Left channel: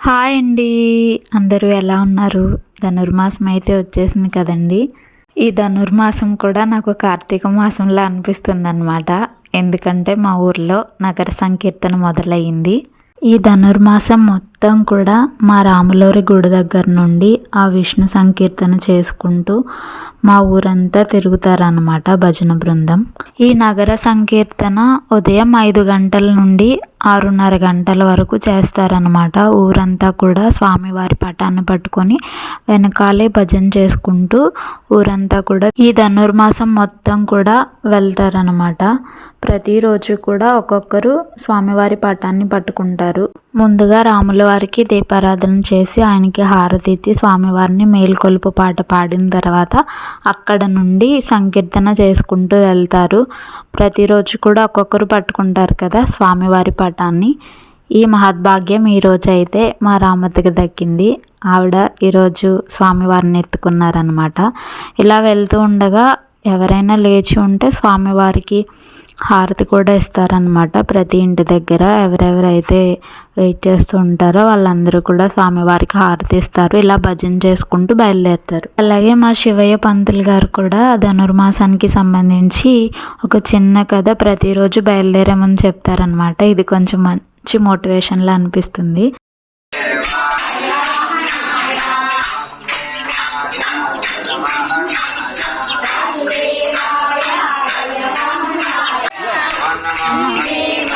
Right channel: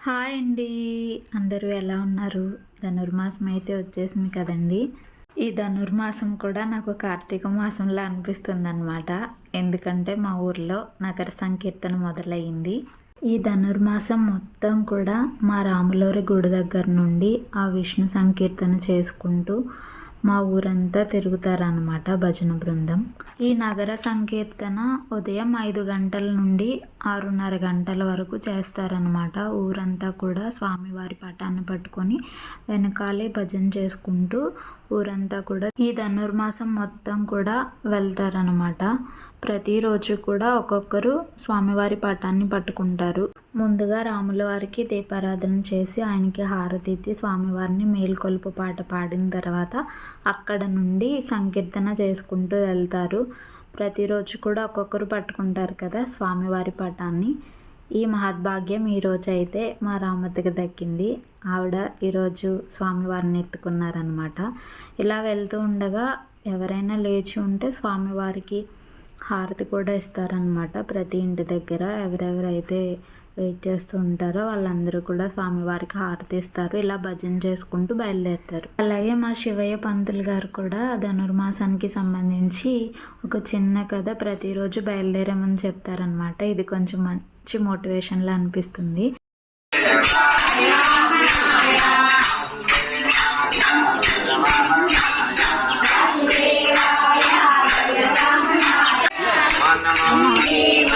Hi అండి. అందరూ ఎలా ఉన్నారు? ధనుర్మాసం అయితే వచ్చేసింది కదండీ! ఈ ధనుర్మాసం కూడా నాకు కార్తీక మాసంలా అనిపిస్తుందనమాట. ఎందుకంటే మా ఊర్లో నగర సంకీర్తన మొదలయ్యింది. ఈ ధనుర్మాసం మొత్తం కూడా మా రాములోరి గుడి దగ్గర నుండి ఆ విష్ణు సంకీర్తన చేసుకుంటూ మా ఊరంతా తిరుగుతారనమాట భజన బృందం. ఈ నగర సంకీర్తన ఉదయం 5 గంటల నుండి 6:30 గంటల వరకు చేస్తారనమాట. ఊరంతా కూడా స్వామివారి పటాన్ని పట్టుకొని వెనకాలే భజన చేసుకుంటూ ఊరంతా కూడా ఈ ధనుర్మాసం మొత్తం కూడా వెళ్తారనమాట. ప్రతిరోజు కూడా ఒక్కొక్కరు స్వామివారి పటాన్ని పట్టుకుంటారు. ముందుగా రాముల వారికి దీపారాధన చేసి ఆయనకి హారతి ఇచ్చి స్వామివారిని మేల్కొలుపు పాట పాడిన తర్వాత అక్కడ నుండి సంకీర్తన చేసుకుంటూ వెళ్తారు. ప్రతిరోజు కూడా ఒక్కొక్కరు పట్టుకుంటారు కదా స్వామివారి పటాన్ని. ఈ మహద్భాగ్యం ఈరోజు అయితే మా రామతకి దక్కింది. ఆవిడ ఈరోజు స్వామివారిని ఎత్తుకున్నారనమాట. ఇలా వెళ్తూ ఉండగా ఎవరైనా లేచి ఉంటే స్వామివారికి హారతి కూడా ఇస్తారనమాట. ప్రతి ఇంటి దగ్గర ఎవరెవరైతే వెయిట్ చేస్తూ ఉంటారో వాళ్ళందరూ కూడా స్వామివారికి హారతి ఇస్తారు. ఇలా భజన చేసుకుంటూ బయలుదేరుతారు. అలాగే మా శివయ్య పంతులు గారు కూడా ధనుర్మాసానికి సంబంధించి ఒక చిన్న కథ ప్రతిరోజు బయలుదేరామని చెప్తారనమాట. ఇది కొంచెం మంచి మోటివేషన్లా అనిపిస్తుంది.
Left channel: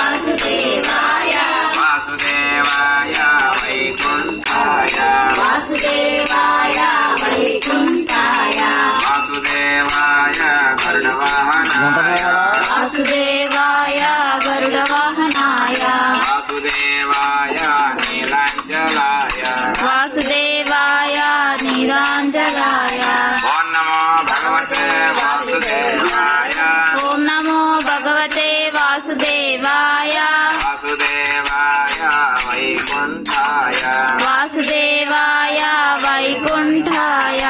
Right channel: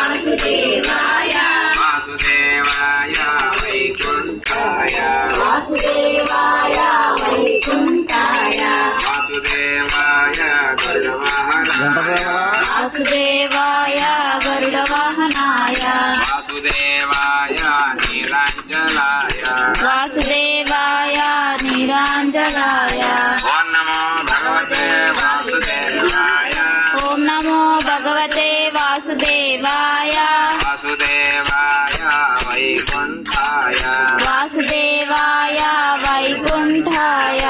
వాసుదేవాయ వైకుంఠాయ వాసుదేవాయ వైకుంఠాయ వాసుదేవాయ గరుడవాహనాయ వాసుదేవాయ గరుడవాహనాయ వాసుదేవాయ నీలాంజలాయ వాసుదేవాయ నీలాంజలాయ ఓం నమో భగవతే వాసుదేవాయ ఓం నమో భగవతే వాసుదేవాయ వాసుదేవాయ వైకుంఠాయ వాసుదేవాయ వైకుంఠాయ.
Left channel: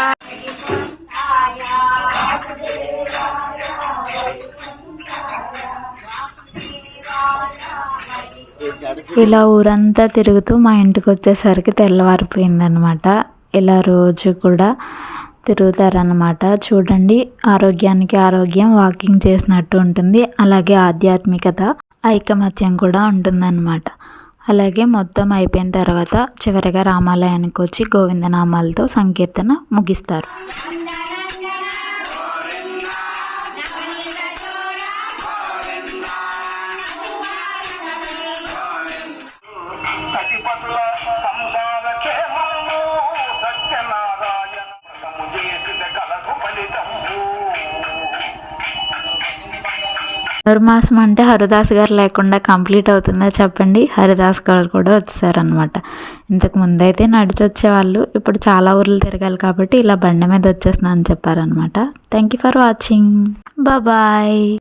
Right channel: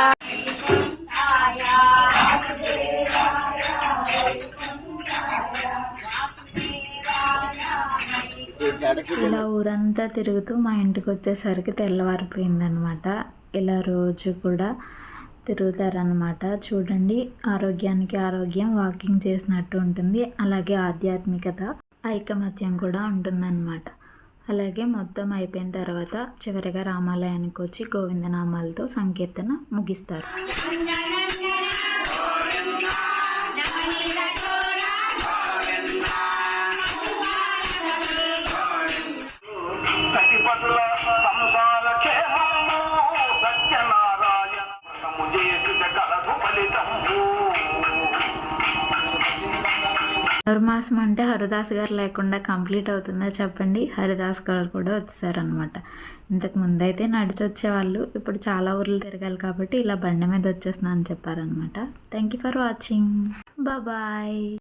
ఇలా ఊరంతా తిరుగుతూ మా ఇంటికి వచ్చేసరికి తెల్లవారిపోయిందనమాట. ఇలా రోజు కూడా తిరుగుతారనమాట. చూడండి, ఆరోగ్యానికి ఆరోగ్యం, వాకింగ్ చేసినట్టు ఉంటుంది. అలాగే ఆధ్యాత్మికత, ఐకమత్యం కూడా ఉంటుందన్నమాట. అలాగే మొత్తం అయిపోయిన తర్వాత చివరిగా రామాలయానికి వచ్చి గోవిందనామాలతో సంకీర్తన ముగిస్తారు. ధనుర్మాసం అంటే హరిదాస్ గారు లేకుండా కంప్లీట్ అవుతుందా చెప్పండి? హరిదాస్ గారు కూడా వచ్చేసారనమాట. ఇంతకు ముందైతే నడిచి వచ్చేవాళ్ళు, ఇప్పుడు చాలా ఊర్లు తిరగాలి కాబట్టి ఇలా బండి మీద వచ్చేస్తున్నా అని చెప్పారనమాట. Thank you for watching. Bye.